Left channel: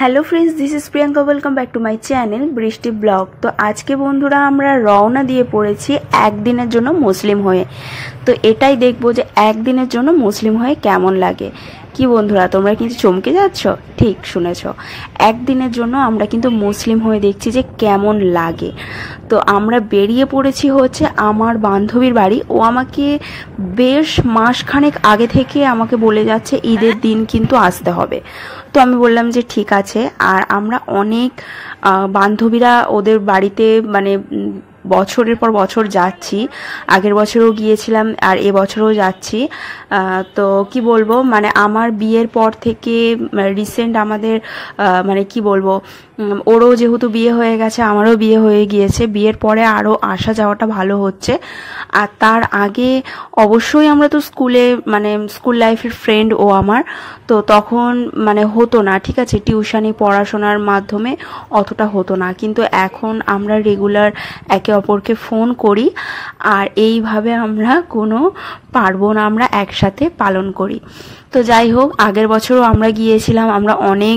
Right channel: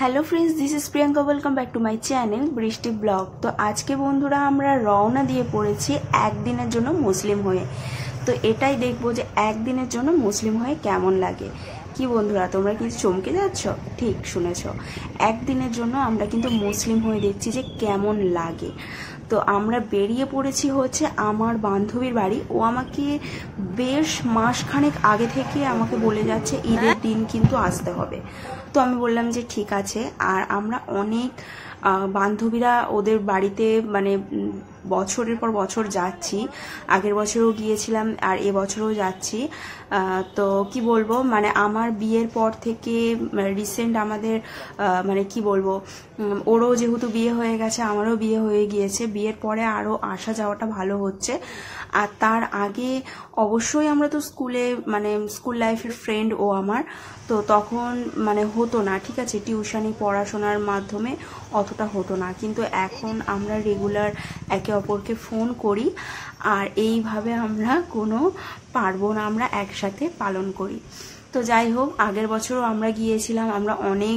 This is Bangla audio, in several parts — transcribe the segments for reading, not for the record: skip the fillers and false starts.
Hello friends, this is Priyanka. Welcome back to my channel বৃষ্টি ব্লগ। তো আজকে বন্ধুরা আমরা রওনা দিয়ে পড়েছি একদিনের জন্য মুসলিম হয়ে। তো এটাই দেখবো যে একদিনের জন্য মুসলিম হয়ে কেমন লাগে। কি বন্ধুরা, তোমরা কিন্তু চমকে যাচ্ছ? ঠিক শুনেছ, একদিনের জন্য আমরা কিন্তু মুসলিম হয়ে দেখছি যে কেমন লাগে। তো আমরা বেরিয়ে পড়েছি হচ্ছে আমার বান্ধবীর বাড়ি। ও আমাকে বেশ মাসখানেক আগে থেকে আমাকে বলে যাচ্ছে ঈদের দিন কিন্তু আসতে হবে। তো আমি বললাম যে ঠিক আছে। আর আমরা অনেক বান্ধবীরা ওদের বাড়িতে মানে বছরের পর বছর যাচ্ছি। আগের বছরও গিয়েছিলাম আর এবছরও যাচ্ছি। তো কি বলবো, মানে আমার বিয়ের পর থেকে রিসেন্ট আমাদের মানে কি বলবো, ওরও যেহেতু বিয়ে হয়ে গেছে, আমারও বিয়ে হয়ে গিয়েছে। বিয়ের পরে আরও আসা যাওয়াটা ভালো হচ্ছে। আর তার আগে অবশ্যই আমরা তো স্কুলে মানে স্কুল লাইফের ফ্রেন্ড ও আমার। তো তখন মানে হতো না, ঠিক আছে, টিউশনি পড়াশোনার মাধ্যমে অতটা হতো না। কিন্তু এখন আমরা রেগুলার একে অপরকে ফোন করি আর এইভাবে আমরা কোনো পার্বণ আমরা একসাথে পালন করি। তো যাই হোক, আগের বছরও আমরা গিয়েছিলাম, আমরা অনেক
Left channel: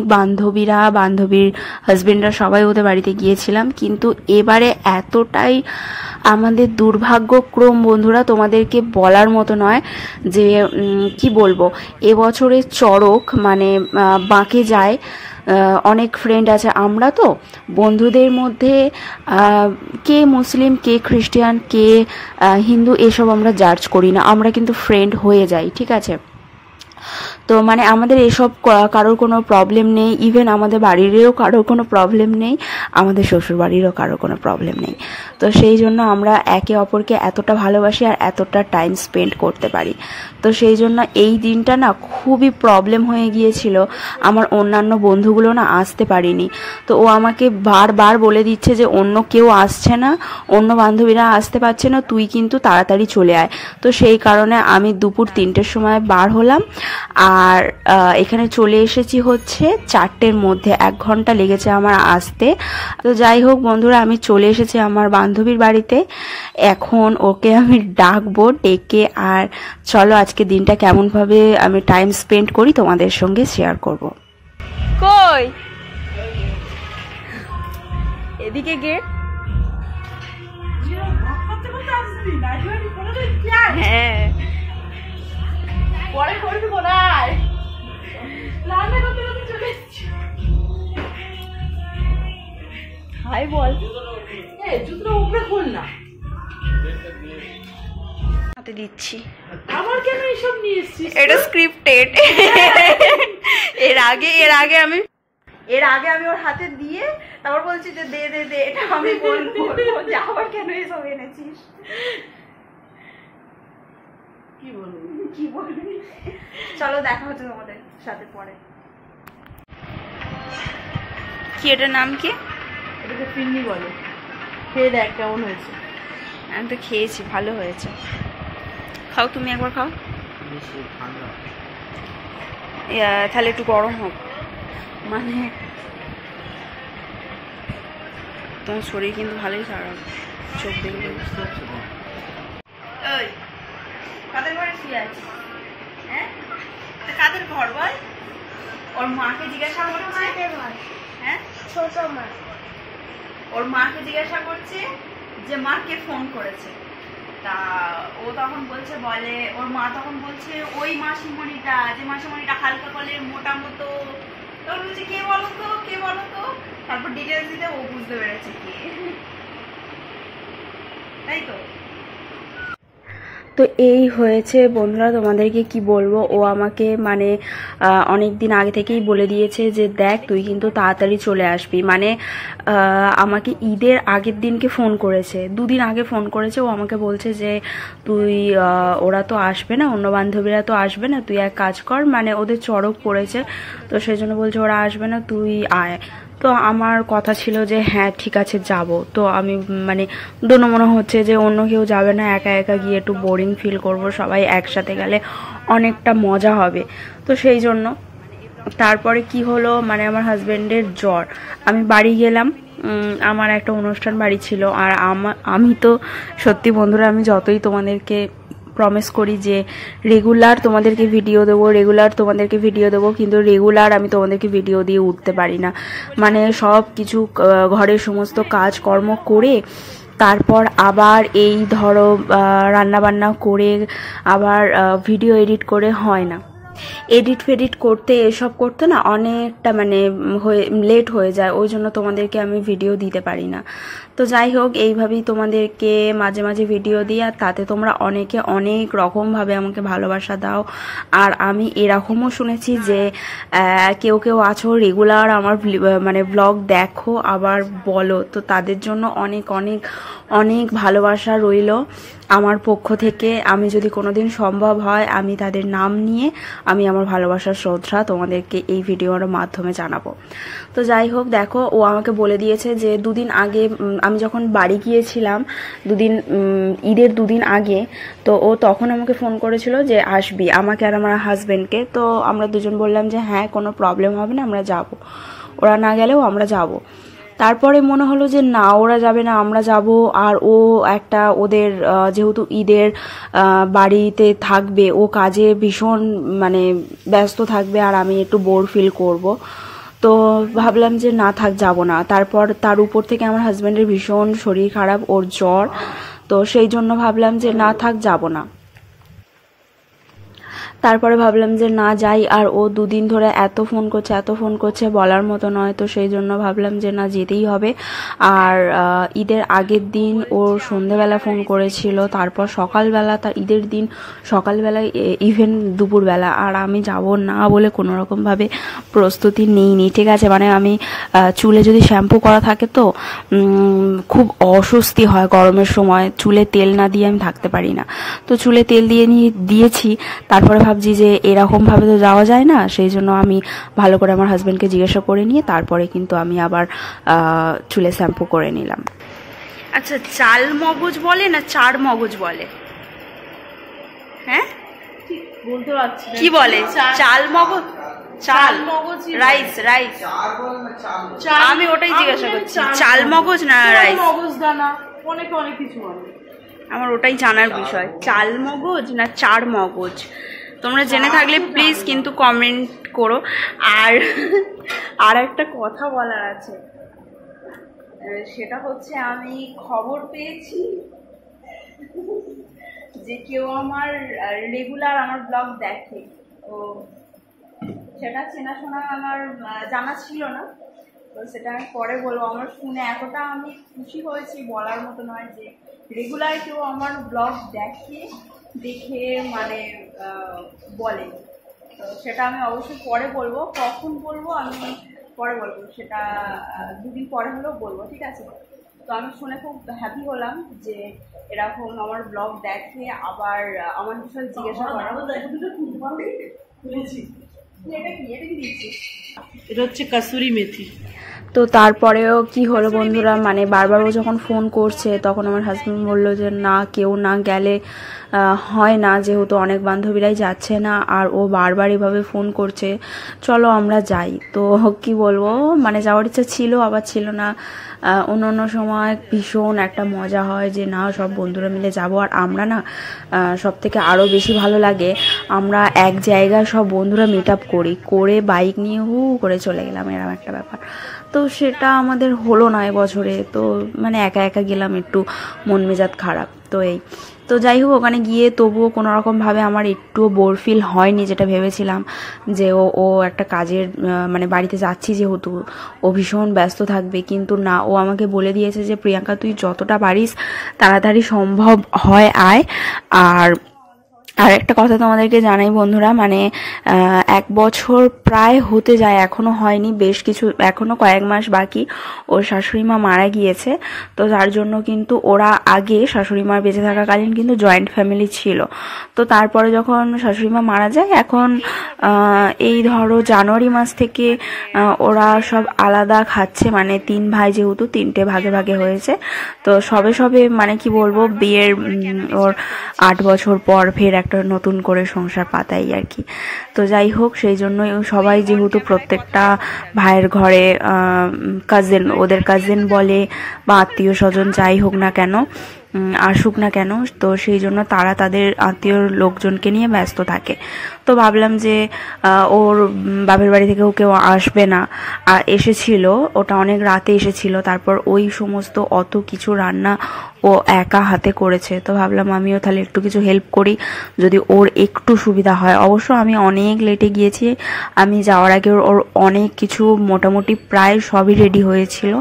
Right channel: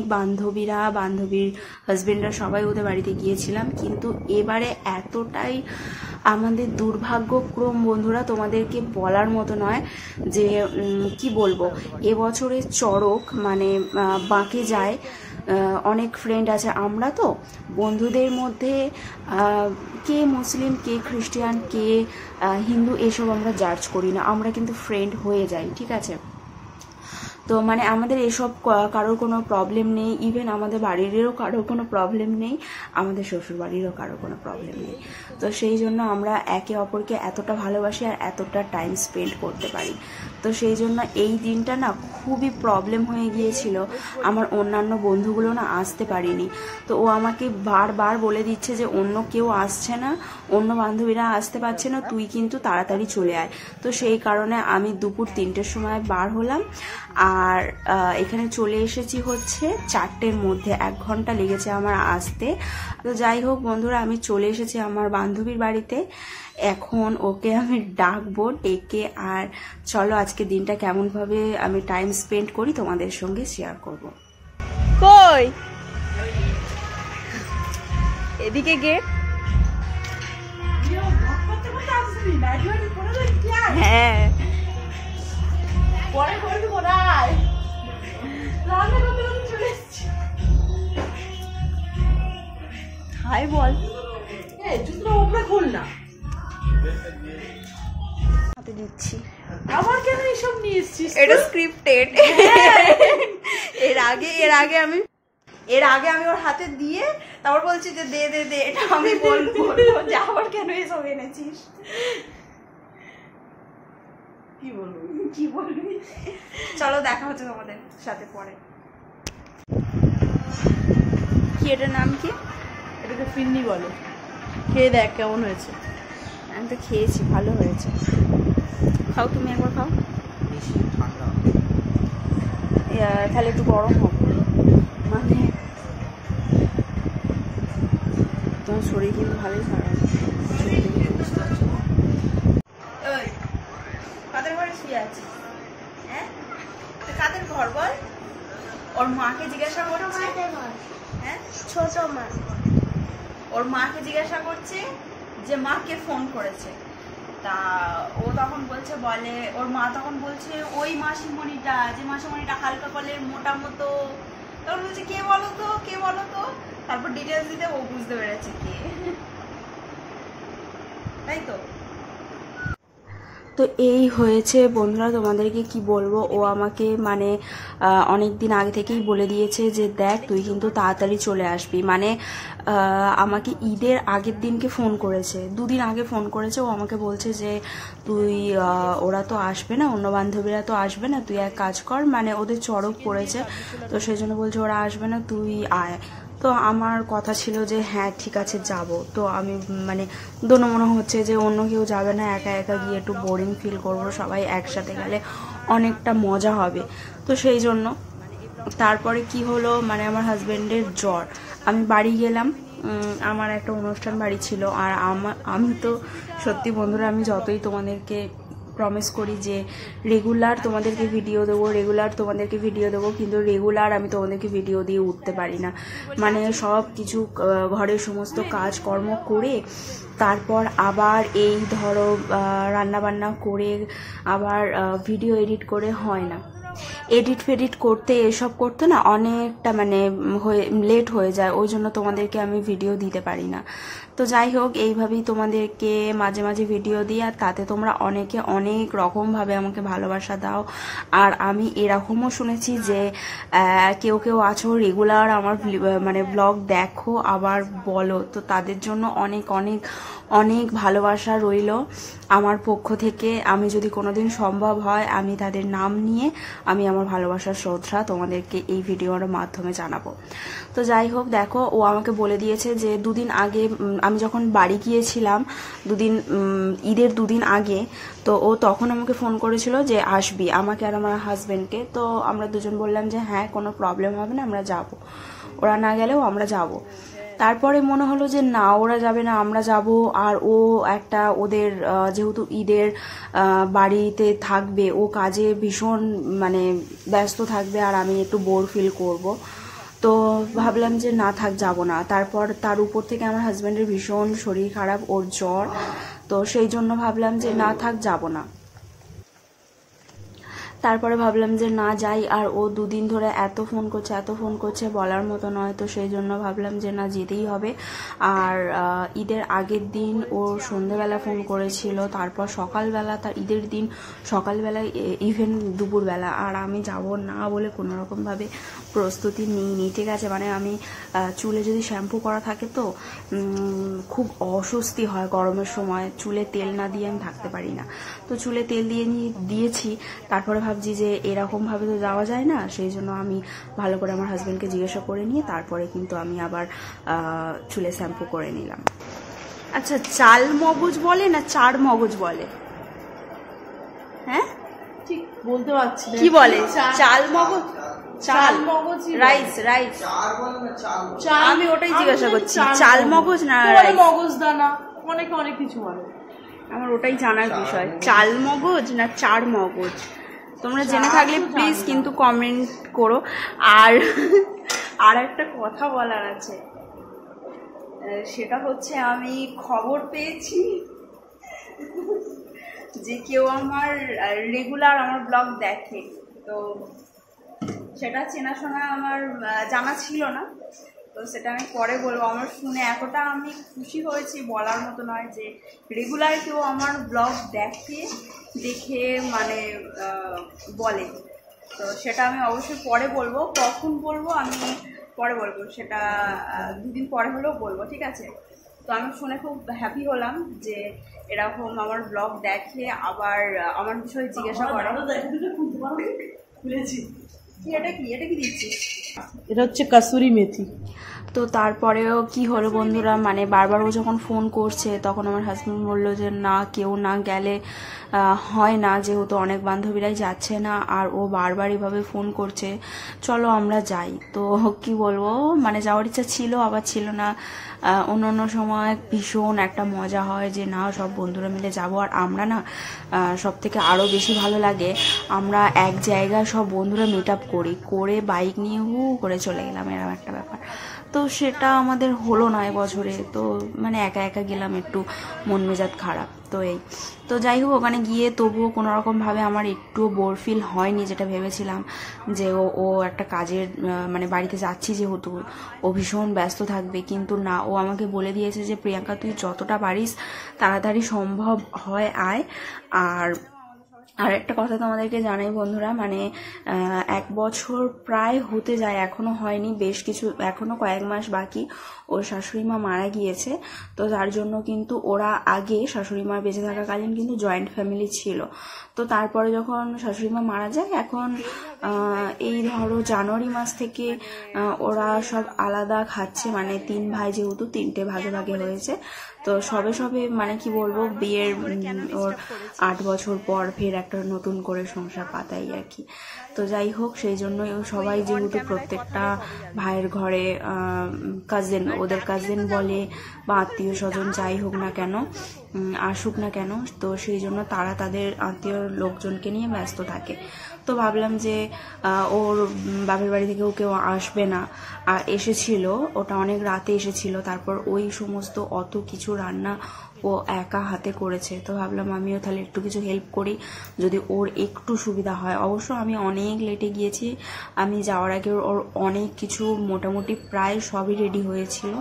বান্ধবীর হাজবেন্ডরা সবাই ওদের বাড়িতে গিয়েছিলাম। কিন্তু এবারে এতটাই আমাদের দুর্ভাগ্যক্রম বন্ধুরা, তোমাদেরকে বলার মতো নয় যে কি বলবো, এবছরের চড়ক মানে বাঁকে যায়। অনেক ফ্রেন্ড আছে, আমরা তো বন্ধুদের মধ্যে কে মুসলিম কে খ্রিস্টান কে হিন্দু এসব আমরা জাজ করি না, আমরা কিন্তু ফ্রেন্ড হয়ে যাই, ঠিক আছে। তো মানে আমাদের এসব কারোর কোনো প্রবলেম নেই। ইভেন আমাদের বাড়িরও কারোর কোনো প্রবলেম নেই, আমাদের শ্বশুর বাড়িরও কারোর কোনো প্রবলেম নেই। তো সেই জন্য আমরা একে অপরকে এতটা ভালোবাসি আর এতটা টাইম স্পেন্ড করতে পারি। তো সেই জন্য এই দিনটা না খুবই প্রবলেম হয়ে গিয়েছিল। আমার অন্যান্য বন্ধুগুলো না আসতে পারিনি। তো ও আমাকে বারবার বলে দিচ্ছে যে অন্য কেউ আসছে না, অন্য বান্ধবীরা আসতে পারছে না, তুই কিন্তু তাড়াতাড়ি চলে আয়। তো সেই কারণে আমি দুপুর 3টের সময় বার হলাম আর এখানে চলে এসেছি হচ্ছে 4টের মধ্যে। 1 ঘন্টা লেগেছে আমার আসতে। তো যাই হোক বন্ধুরা, আমি চলে এসেছি আমার বান্ধবীর বাড়িতে। এখন ওকে আমি ডাকবো, ডেকে আর চলো আজকে দিনটা কেমনভাবে আমি টাইম স্পেন্ড করি তোমাদের সঙ্গে শেয়ার করব। কই এদিকে গেট। হ্যাঁ পরে করবি কোথায়, রান্না করতে করতে চলে এসেছি। হাই বল। জুতোটা উপরে খুল না, হাতে দিচ্ছি। আবার কেন এইসব নিয়ে এসেছিস? এটা স্ক্রিপ্টেড। এর আগে আমি ওর হাতে দিয়ে তারপর বলছি যে দে দে দে, এটা আমি বলবো যে আবার কেন এসব এনেছিস। কি বলবি চলো দেখা হচ্ছে তোমাদের সাথে পরে। কি এটার নাম কি? এটাকে ফিরনি বলে। খেয়ে দেখ কেমন হয়েছে। আমি তো খেয়েছি, ভালো হয়েছে। খাও, তুমি একবার খাও। তাহলে একটু গরম হোক, মানে তোমার শরীর কিন্তু ভালোই খারাপ, চোখ দেখে বুঝতে পারছি। ওই কাদের ঘরে শুয়ে আছি? হ্যাঁ, কাদের ঘর বল? ওর মাকে জিজ্ঞাসা করছে। হ্যাঁ, ছোট মা ওর মাকে জিজ্ঞাসা করছে যে মাকে ফোন করেছে। তা ও তখন বলছে, বলে ওর মা তখন বলছে ওই মাসিমণিটা, যে মাসিমণিটা হালকা কলের মোটা মতো। তখন বলছে কে বলো তো, কে বলো তো। তারপর ডিটেলস দিতে ও বুঝতে পেরেছে কে, তাই তো। তো এই হয়েছে বন্ধুরা, তোমাদেরকে কি বলবো, ও আমাকে মানে অনেক দিন আগে থেকেই বলে দিয়েছে যে দেখ তুই কিন্তু তাড়াতাড়ি চলে আসবি। মানে আমাকে ঈদের আগের দিনকে ফোন করেছে, 2 দিন আগে ফোন করেছে। ও আমাকে বলছে যে তুই ওরা তো আসবে না, অন্য বান্ধবীরা তো আসবে না, তুই এক কাজ কর, মানে ওদের চড়ক পড়েছে তো সেই জন্য বলছে ওরা আসবে না, তুই আয়। তো আমার কথা ছিল যে হ্যাঁ ঠিক আছে যাব। তো আমি মানে দোনো মনে হচ্ছে যে অন্য কেউ যাবে না, একা একা গিয়ে একটু বোরিং ফিল করব, সবাই একসাথে গেলে অনেকটা মজা হবে। তো সেই জন্য তারপরে কি হলো, মানে আমার হাজব্যান্ডের জ্বর, আমি বাড়ি গেলাম। আমার একটা অনুষ্ঠান বাড়ি ছিল। আর আমি তো সত্যি বন্ধুরা, আমি যতই তোমাদেরকে প্রমিস করি যে রেগুলার তোমাদেরকে ভিডিও দেবো, কিন্তু রেগুলার আমি তোমাদেরকে ভিডিও দিয়ে উঠতে পারি না। মানে সব কিছু ঘরের সমস্ত কাজকর্ম করে তারপর আবার এই ধরো রান্নাবান্না করে আবার ভিডিও এডিট করে হয় না। এডিট ফেডিট করতে এসব করতে না অনেকটা মানে লেট হয়ে যায়, ওই জন্য তোমাদেরকে আমি ভিডিও দিতে পারি না। তো যাই হোক, এইভাবেই তোমাদেরকে মাঝে মাঝে ভিডিও দিই, আর তাতে তোমরা অনেকে অনেক রকমভাবে আমাকে ভালোবাসা দাও। আর আমি এরকমও শুনেছি যে কেউ কেউ আছো রেগুলার আমার মানে ব্লগ দেখো আবার বলো, তো তাদের জন্য অনেক অনেক অনেক ভালোবাসা রইল আমার পক্ষ থেকে। আমি যদি কোনোদিন সম্ভব হয় আমি তাদের নাম নিয়ে আমি আমার ভালোবাসার শ্রদ্ধা তোমাদেরকে এই ভিডিওর মাধ্যমে জানাবো। তো যাই হোক, দেখো ও আমাকে বলে দিয়েছে যে দুদিন আগে আমি যখন বাড়ি গিয়েছিলাম, ঈদের দুদিন আগে, তো ও তখন আমাকে ফোন করেছিল যে আসবি, আমাকে আর আমার হাজব্যান্ডকে। তো আমরা দুজন বললাম যে হ্যাঁ কোনো প্রবলেম হবে না, আমরা যাব, ওরা না গেলেও আমরা যাব। তারপরে মনে হলো যে না ওরা যাবে না, আমরা যাব। আর ও একটা ওদের যেহেতু ঈদের বাড়িতে থাকবে, ও কাজে ভীষণ মানে ব্যস্ত থাকবে, আর আমি একটু বোর ফিল করব। তো ভাবলাম যে না থাক, যাব না। তারপর তার উপর থেকে আমার হাজব্যান্ডের ভীষণ শরীর খারাপ, ওর জ্বর, তো সেই জন্য ভাবলাম যে না থাক, যাব না। তারপরে ভাবলাম যে না যাই, আর ও দুদিন ধরে এত ফোন করছে বলার মতো নয়, তো সেই জন্য ভাবলাম যে না যেতেই হবে। আর ঈদের আগের দিন ও সন্ধেবেলা ফোন করেছিল, তারপর সকালবেলা, তার ঈদের দিন সকালবেলায় ইভেন দুপুরবেলা, আর আমি যাব না বলে কোনোরকমভাবে প্রস্তুতি নিইনি, ঠিক আছে। মানে আমি চুলে যদি শ্যাম্পু করা থাকে তো খুব অস্বস্তি হয় গরমের সময়, চুলে তেল না দিয়ে আমি থাকতে পারি না। তো চুলে তেল দিয়েছি, তারপরে ভাবছি যে এরকমভাবে তো যাওয়া যায় না, সেই জন্য আমি ভালো করে আমার হাজব্যান্ডকে জিজ্ঞাসা করে নিয়ে তারপরে কিন্তু আমি আবার চুলে শ্যাম্পু করে নিলাম। আচ্ছা, চাল মগজ বলে না চার মগজ বলে? হ্যাঁ ঠিক বলতে পারছি না কি বলে, চাল মগজ, চাল মগজ, রাইস, আমি ওটাই জিজ্ঞাসা করছি, চাল মগজ না রাইস? মগজ দানা, অনেক অনেক কিছু বলে, আমার ওটাই জানার বিষয়, চাল মগজ না চার মগজ। তোমরা জেনে থাকলে প্লিজ কিন্তু কমেন্ট করো। আর একটা কথা বলার আছে, সেটা হচ্ছে আমি খবর পেয়েছি যে কেউ আমার রেগুলার আমার ব্লগ দেখে, তো সেটা চেনাশোনা আমার জানা ছিল না, তো সেটা আমি পরে বলবো। আমার শুনে এতটা আমি খুশি হয়েছি বলার মতো নয়, যে রেগুলার কেউ আমার ব্লগ দেখে মানে বলে, তো সেটা আমি অবশ্যই পরে বলবো। কখন বলবো আমি পরে বলবো, সেটা দুদিন পরে হলেও বলবো, ঠিক আছে। তো আমি শুনে খুব হ্যাপি হলাম যে এরকম আমার ব্লগ দেখে আবার আমার বিষয়ে জিজ্ঞাসা করে। এটা কি দিচ্ছিস? এটা হচ্ছে কাসুরি মেথি। তো তারপরেও কি হলো বন্ধুরা, মানে বারবারও যখন ফোন করছে তখন আমার হাজব্যান্ড বললো যে না, কেউ না গেলে হয় না, যেহেতু অনেক বান্ধবীরাই যাচ্ছে না, আর ও বারবার এভাবে ফোন করছে, চলো আমরা যাই। তো কি বলবো, মানে যাওয়ার ইচ্ছা ছিল আবার ছিল না। অন্য সময় ভীষণ একটা মজা হয় যে না সব বন্ধুরা মিলে যাব, আর আমরা না সব থেকে আরও বেশি ভালো লাগে আমরা এক জায়গায় সব বন্ধুরা মিট আপ করে বাইক নিয়ে করে চলে গেলাম, এরকম একটা ব্যাপার। তো সেটা আমাদের হলো না এবছরে, তো মানে একা একা গেলাম, একটু মন মেজাজ খারাপ। তো যাই হোক, ওখানে গিয়ে তবুও কোনো রকমভাবে আমার একটুও বোর ফিল হয়নি, যেটা ভেবেছিলাম যে ও একটা কাজের মানে বাড়িতে যাচ্ছি যেহেতু ও ভীষণ ব্যস্ত থাকবে, কিন্তু না, ও আমাকে বলে দিয়েছে যে প্রিয়াঙ্কা তুই যতটা পারিস তাড়াতাড়ি সম্ভব হয় আয়। আর একটা কথা তোমাদেরকে জানাই বন্ধুরা, মানে 1 বছর প্রায় হতে যায়, এখনো হয়নি, বেশ কিছু এখনো কয়েক মাস বাকি। ওর শাশুড়ি মা মারা গিয়েছে, তো তার জন্য কিন্তু ওরা আগে শাশুড়ি মার বেঁচে থাকাকালীন কিন্তু জয়েন্ট ফ্যামিলি ছিল। তো তারপরে যখন শাশুড়ি মা মারা যায়, এখন এই ধরো জানুয়ারি মাস থেকে ওরা সব আলাদা খাচ্ছে, মানে 3 ভাই যেহেতু 3টে ভাগে ভাগে হয়েছে। তো সবে মানে কি বলবো, বিয়ের ওর 8 বছর পর ফের একটা নতুন করে সংসার পাতাই আর কি। তো যাই হোক, সেই জন্যই সবাই যেহেতু প্রত্যেকটা ভাইয়ের ঘরে কাজিন, ওদের কাজিন বলে বা আত্মীয় স্বজন যাই হোক না কেন, আসুক না কেন, তো সেই জন্য তারা তাদের আত্মীয় লোকজনকে নিয়ে ব্যস্ত থাকে। তো ভাবলাম যে ওর বাপের বাড়ি থেকেও কেউ আসবে না, আর এসেছিল, ওটা অনেক রাতে এসেছিল, তারপর ওই সমস্ত অত কিছু রান্না ও একা হাতে করেছে। তো ভাবলাম আমিও তাহলে একটু কিছু হেল্প করি, যদি ওর একটু সুবিধা হয়। অবশ্য আমি অনেক লেটে গিয়েছি, আমি যাওয়ার আগে ওর অনেক কিছু মোটামুটি প্রায় সবই রেডি হয়েছিল,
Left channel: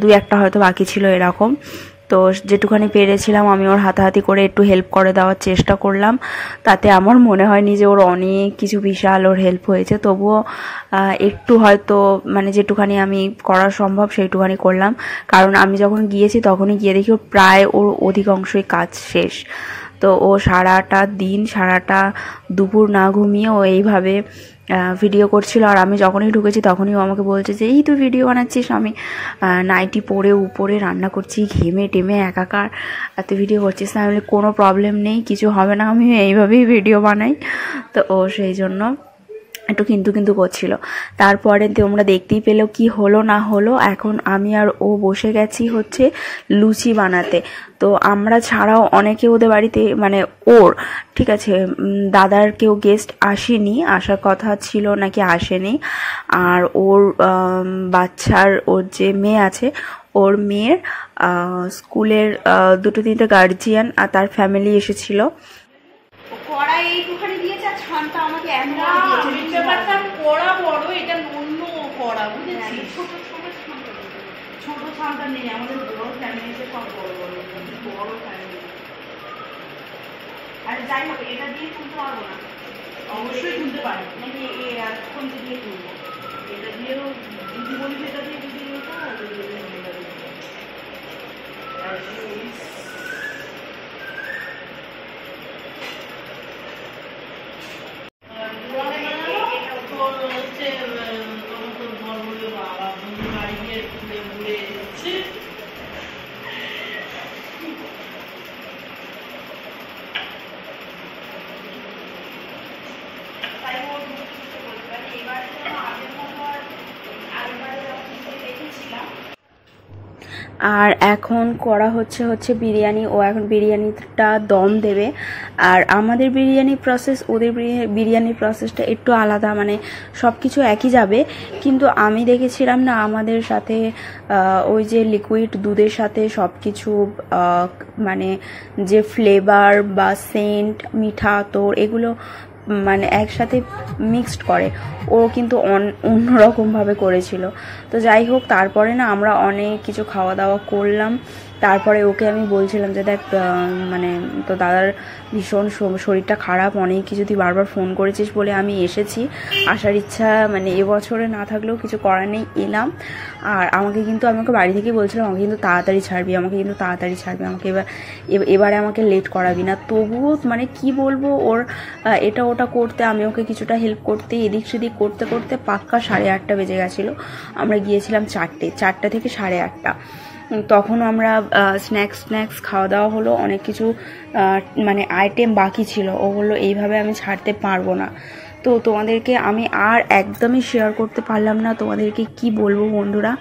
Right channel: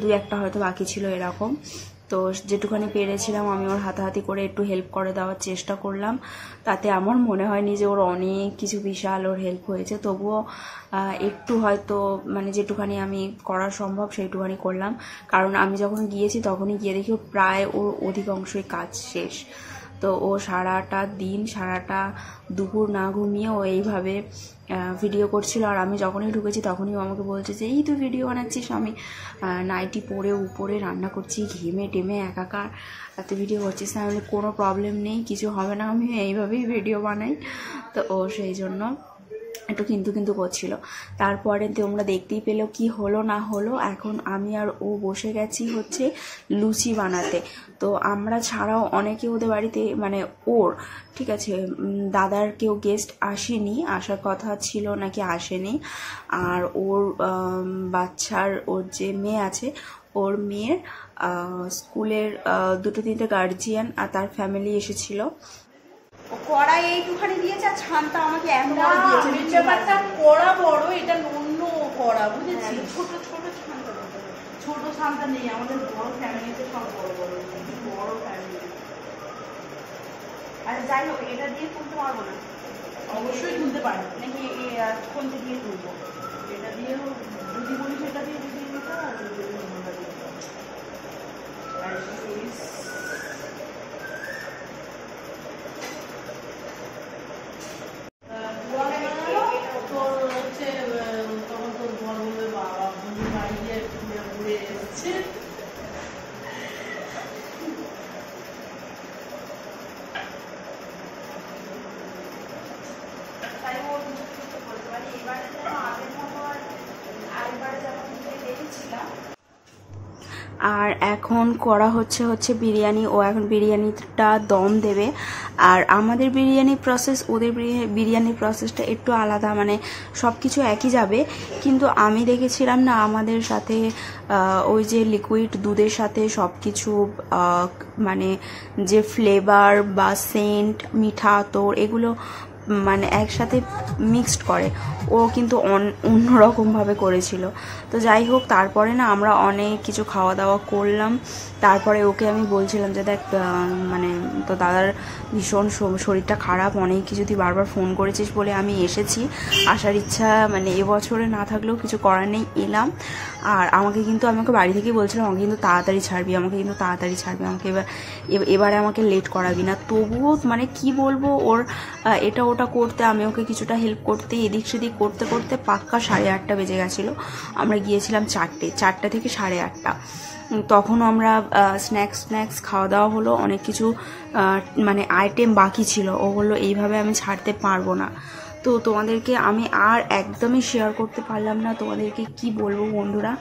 2-1টা হয়তো বাকি ছিল এরকম। তো যেটুখানি পেরেছিলাম আমি ওর হাতাহাতি করে একটু হেল্প করে দেওয়ার চেষ্টা করলাম, তাতে আমার মনে হয়নি যে ওর অনেক কিছু বিশাল ওর হেল্প হয়েছে, তবুও একটু হয়তো মানে যেটুখানি আমি করা সম্ভব সেইটুখানি করলাম। কারণ আমি যখন গিয়েছি তখনই গিয়ে দেখি প্রায় ওর অধিকাংশই কাজ শেষ। তো ও সারাটা দিন সারাটা দুপুর না ঘুমিয়ে ও এইভাবে ভিডিও করছিল। আর আমি যখনই ঢুকেছি তখনই ও আমাকে বলছে যে এই তুই ভিডিও বানাচ্ছিস, আমি নাইটি পরে উপরে রান্না করছি, ঘেমে টেমে একাকার, তুই ভিডিও করছিস না? আমি কোনো প্রবলেম নেই, কিছু হবে না, আমি এইভাবেই ভিডিও বানাই। তো ও সেই জন্য একটু কিন্তু করছিল। তারপরে তোমরা দেখতেই পেলো কি হলো না হলো। এখন আমি আর ও বসে গেছি হচ্ছে লুচি বানাতে। তো আমরা ছাড়াও অনেকে ওদের বাড়িতে, মানে ওর ঠিক আছে দাদার কেউ গেস্ট আসেনি, আসার কথা ছিল নাকি আসেনি। আর ওর বাচ্চার ওর যে মেয়ে আছে, ওর মেয়ের স্কুলের 2-3টে গার্জিয়ান আর তার ফ্যামিলি এসেছিল। কড়াই এইটুখানি দিয়েছে আর ছানটা আমাকে এমন দিয়েছে। ব্যাপারটা কড়া বড়, এটা অন্য কড়া, বুঝেছি? ছোট ছানটা নেই, আমাদের বড় ফ্যামিলিতে সব বড় বড় ফ্যামিলি। আর যাই হোক এটা দিয়ে তুলতে পারবো না। অবশ্যই তুলতে পারি নাকি কোনটা দিয়ে তুলবো? এটা দিয়েও যদি বলি সেটা দিয়ে যদি আর এখন করা হচ্ছে বিরিয়ানি। ও এখন বিরিয়ানিটা দম দেবে। আর আমাদের বিরিয়ানি প্রসেস ওদের বিরিয়ানির প্রসেসটা একটু আলাদা, মানে সব কিছু একই যাবে, কিন্তু আমি দেখেছিলাম না আমাদের সাথে ওই যে লিকুইড দুধের সাথে সব কিছু মানে যে ফ্লেভার বা সেন্ট মিঠা তোর এগুলো মানে একসাথে মিক্সড করে, ও কিন্তু অন্যরকমভাবে করেছিল। তো যাই হোক তারপরে না আমরা অনেক কিছু খাওয়া দাওয়া করলাম। তারপরে ওকে আমি বলছিলাম যে দেখ মানে তো দাদার ভীষণ শরীরটা খারাপ, অনেক কিছু তুই বারবার ফোন করেছিস বলে আমি এসেছি, আসার ইচ্ছা মানে এবছরে না থাকলেও কিছু করার নেই, এলাম। আর আমাকে কিন্তু আমি ওকে বাড়ি থেকেই বলছিলাম আমাকে কিন্তু তাড়াতাড়ি ছাড়বি, আমাকে এবারে আমাকে লেট করাবি না। তবুও মানে কি বলবো, ওর এটা ওটা করতে আমি ওকে কিছুটা হেল্প করতে এদিক সেদিক করতে করতে পাক্কা 8:30 বেজে গেছিলো। আমরা গিয়েছিলাম 4টে থেকে 8:30। তখনও আমরা স্ন্যাক্স খাওয়া দাওয়া হলো, অনেক কিছু মানে আইটেম বাকি ছিল। ও বললো এইভাবে আমি ছাড়তে পারবো না। তো তোমাদেরকে আমি আর একদমই শেয়ার করতে পারলাম না, তোমাদেরকে কি বলবো বন্ধুরা,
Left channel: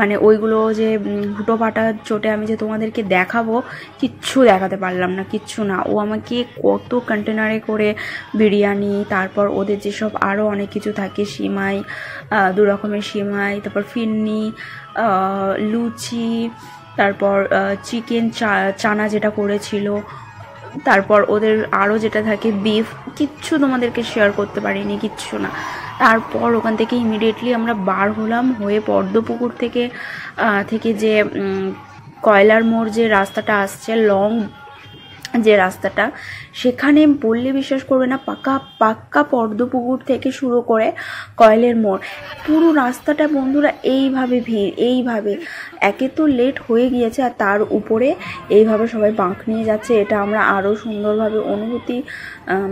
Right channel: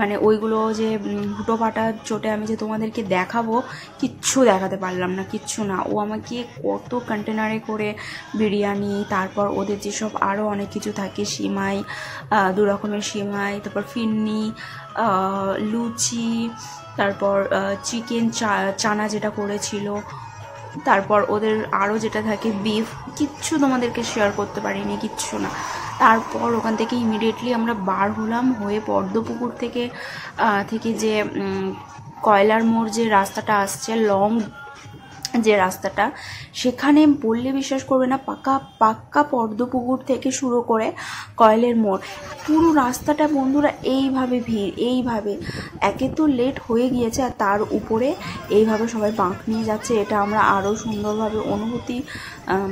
মানে ওইগুলো যে হুটোপাটা চোটে আমি যে তোমাদেরকে দেখাবো কিচ্ছু দেখাতে পারলাম না, কিচ্ছু না। ও আমাকে কত কন্টেনারে করে বিরিয়ানি, তারপর ওদের যেসব আরও অনেক কিছু থাকে, সিমাই, 2 রকমের সিমাই, তারপর ফিরনি, লুচি, তারপর চিকেন চানা যেটা করেছিল, তারপর ওদের আরও যেটা থাকে বিফ, কিচ্ছু তোমাদেরকে শেয়ার করতে পারিনি, কিচ্ছু না। তারপর ওখান থেকে ইমিডিয়েটলি আমরা বার হলাম, হয়ে পদ্মপুকুর থেকে যে কয়লার মোড় যে রাস্তাটা আসছে, লং যে রাস্তাটা, সেখানে বললে বিশ্বাস করবে না, পাক্কা পদ্মপুকুর থেকে শুরু করে কয়লের মোড় পুরো রাস্তাটা বন্ধুরা এইভাবে ভিড়, এইভাবে একে তো লেট হয়ে গিয়েছে, আর তার উপরে এইভাবে সবাই বাঁক নিয়ে যাচ্ছে। এটা আমরা আরও সুন্দরভাবে অনুভূতি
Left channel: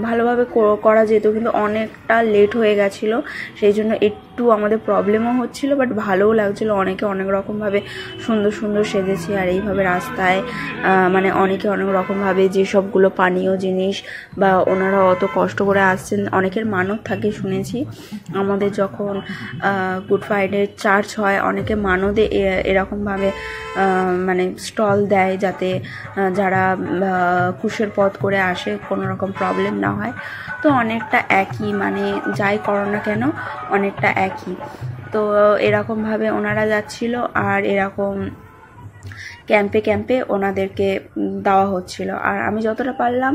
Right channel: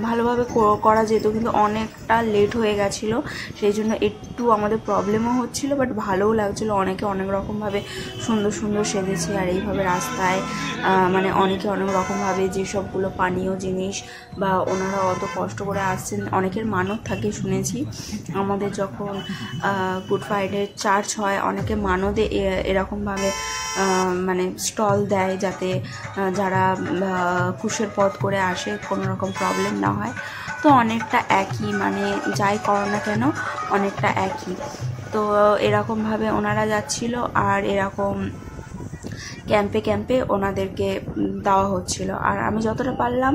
ভালোভাবে করা যেত, কিন্তু অনেকটা লেট হয়ে গেছিলো, সেই জন্য একটু আমাদের প্রবলেমও হচ্ছিলো, বাট ভালোও লাগছিলো। অনেকে অনেক রকমভাবে সুন্দর সেজেছে, আর এইভাবে রাস্তায় মানে অনেকে অনেক রকমভাবে যেসবগুলো পানীয় যে জিনিস, বা ওনারা অত কষ্ট করে আসছেন। অনেকের মানত থাকে শুনেছি, আমাদের যখন গুড ফ্রাইডে চার্চ হয় অনেকে মানদে এরকমভাবে মানে স্টল দেয়, যাতে যারা কুশের পথ করে আসে কোনো রকম প্রবলেম না হয়। তো অনেকটা একই, মানে যাই করো না কেন অনেকটা একই। তো এরকমভাবে ওনারা যাচ্ছিল, আর এরকম ক্যাম্পে ক্যাম্পে ওনাদেরকে দেওয়া হচ্ছিল। আর আমি যতটা পারলাম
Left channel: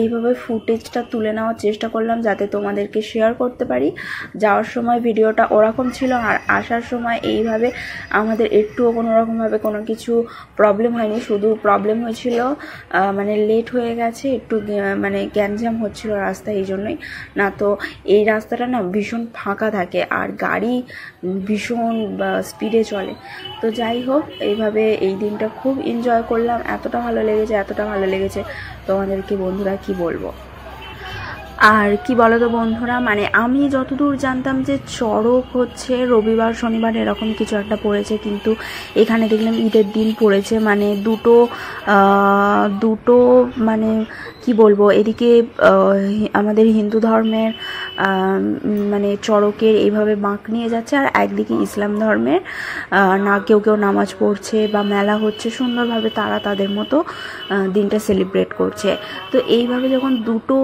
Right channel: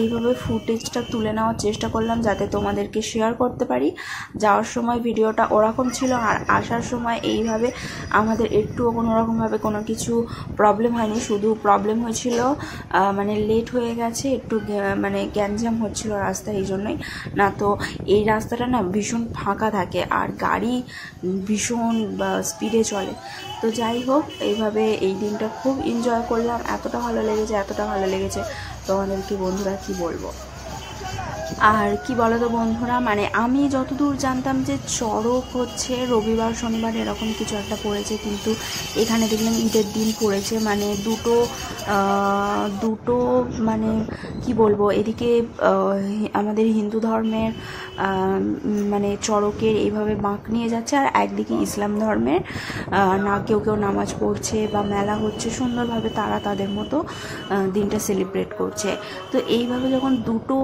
এইভাবে ফুটেজটা তুলে নেওয়ার চেষ্টা করলাম, যাতে তোমাদেরকে শেয়ার করতে পারি। যাওয়ার সময় ভিডিওটা ওরকম ছিল, আর আসার সময় এইভাবে আমাদের একটুও কোনো রকমভাবে কোনো কিছু প্রবলেম হয়নি। শুধু প্রবলেম হয়েছিল মানে লেট হয়ে গেছে একটু, মানে গ্যাঞ্জাম হচ্ছিল রাস্তায়, এই জন্যই। না তো এই রাস্তাটা না ভীষণ ফাঁকা থাকে, আর গাড়ি ভীষণ স্পিডে চলে। তো যাই হোক, এইভাবে এই দিনটা খুব এনজয় করলাম। এতটা ভালো লেগেছে তোমাদেরকে বন্ধুরা কি বলবো। আর কি বলো তো বন্ধুরা, মানে আমি যতদূর জানতাম যে চড়ক হচ্ছে রবিবার শনিবার এরকম কিছু একটা পড়েছে, কিন্তু এখানে দেখলাম ঈদের দিন পড়েছে। মানে দুটো মানে কি বলবো, এদিকে আমাদের হিন্দু ধর্মের মানে চড়কের এইভাবে বাঁক নিয়ে যাচ্ছে, আর একদিকে ইসলাম ধর্মের না কেউ নামাজ পড়ছে বা মেলা হচ্ছে, সুন্দরভাবে তারা তাদের মতো দিনটা সেলিব্রেট করছে। তো এইভাবে যখন দুটো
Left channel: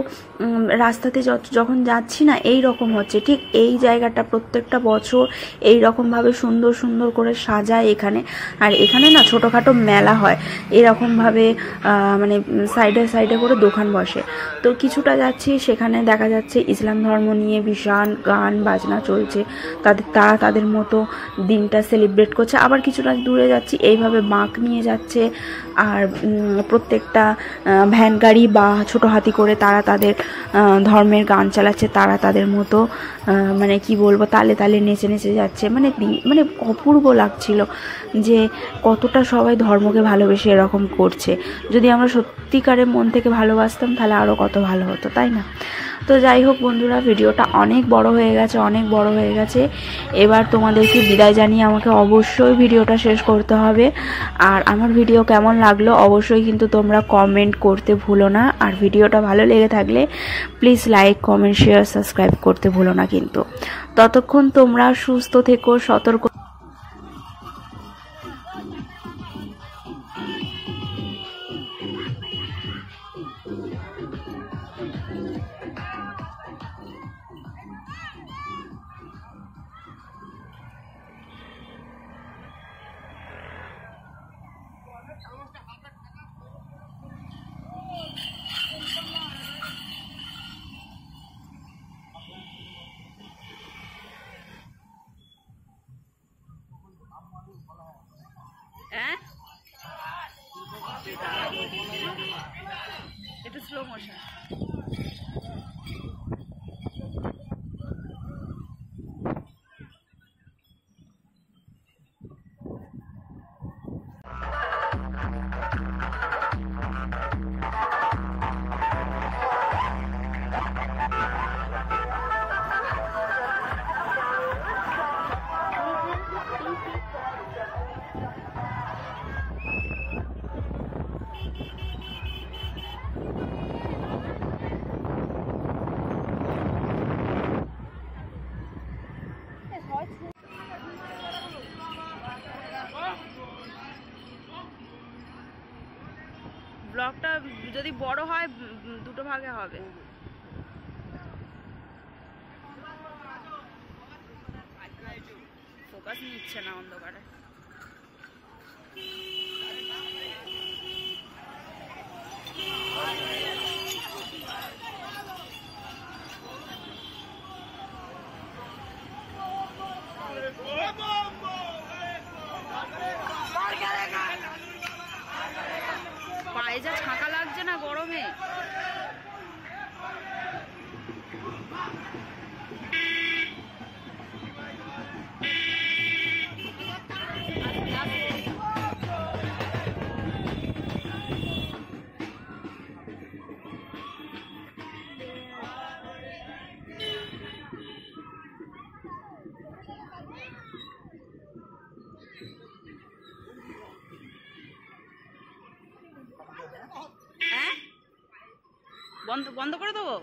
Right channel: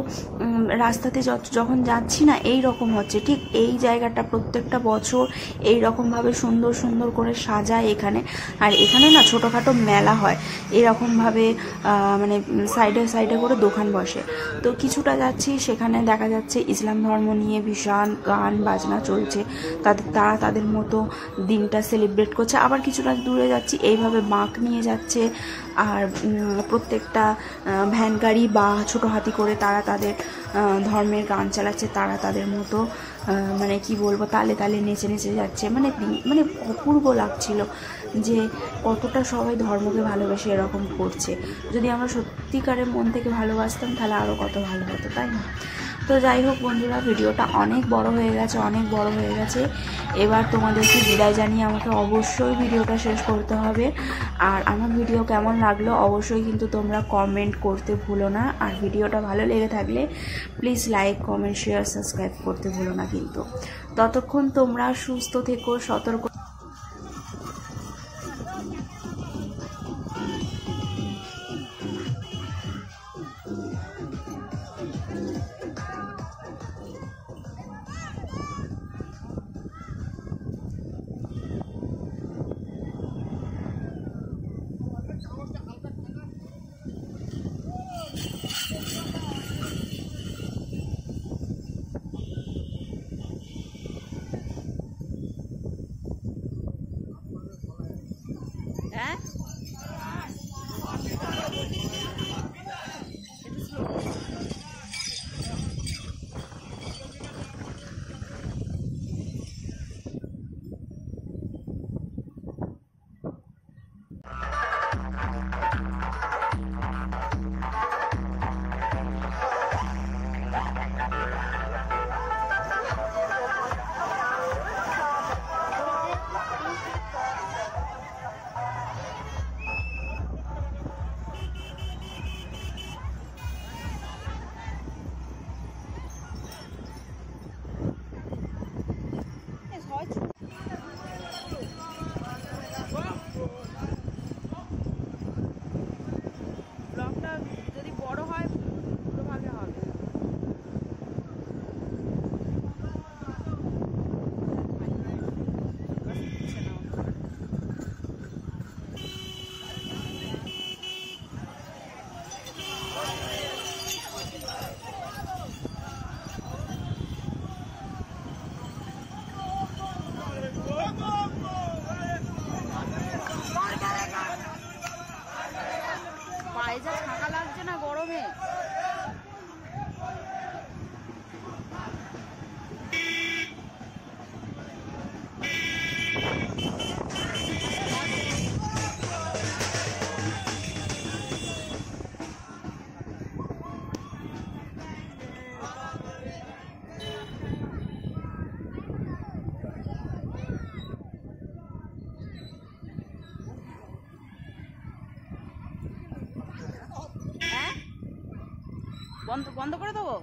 রাস্তাতে যখন যাচ্ছি না, এই রকম হচ্ছে। ঠিক এই জায়গাটা প্রত্যেকটা বছর এই রকমভাবে সুন্দর সুন্দর করে সাজায় এখানে। আর এখানে না ছোটোখাটো মেলা হয় এরকমভাবে, মানে সাইডে সাইডে করে দোকান বসে। তো কিছুটা যাচ্ছি, সেখানে দেখা যাচ্ছে ইসলাম ধর্ম নিয়ে ভীষণ গান বাজনা চলছে, তারা তাদের মতো দিনটা সেলিব্রেট করছে। আবার কিছুটা দূরে যাচ্ছি, এইভাবে বাঁক নিয়ে যাচ্ছে, আর প্রত্যেকটা ভ্যান গাড়ি বা ছোটো হাতি করে তারা তাদের ধর্মের গান চালাচ্ছে, তারা তাদের মতো মানে কি বলবো তালে তালে নেচে নেচে যাচ্ছে। মানে অপূর্ব লাগছিল যে কতটা সবাই ধর্মকে ভালোবেসে এরকম করছে। যদি আমরা সত্যিকারের মন থেকে ভালোবাসতাম তাহলে আরও কত ভালো হতো, তাই না? তো যাই হোক বন্ধুরা, ভিডিওটা অনেক বড় হয়ে গেছে। এবার তোমাদেরকে বিদায় জানিয়ে আমাকে অবশ্যই ভিডিওটা শেষ করতে হবে। আর আমার ভিডিও কেমন লাগলো অবশ্যই কিন্তু তোমরা কমেন্ট করতে ভুলো না। আর ভিডিওটা ভালো লেগে থাকলে please like, comment, share, subscribe করতে ভুলো না কিন্তু। ততক্ষণ তোমরা সুস্থ থেকো, সতর্ক। হ্যাঁ, একটু স্লো মোশন। ব্লগটা যদি বড় হয় দুটো ভাগে হবে। ফোকাস নিচ্ছে না অন্ধকারে। পায়ে যা ছাঁকা লাগছে না গরমে। বন্ধ বন্ধ করে দেবো।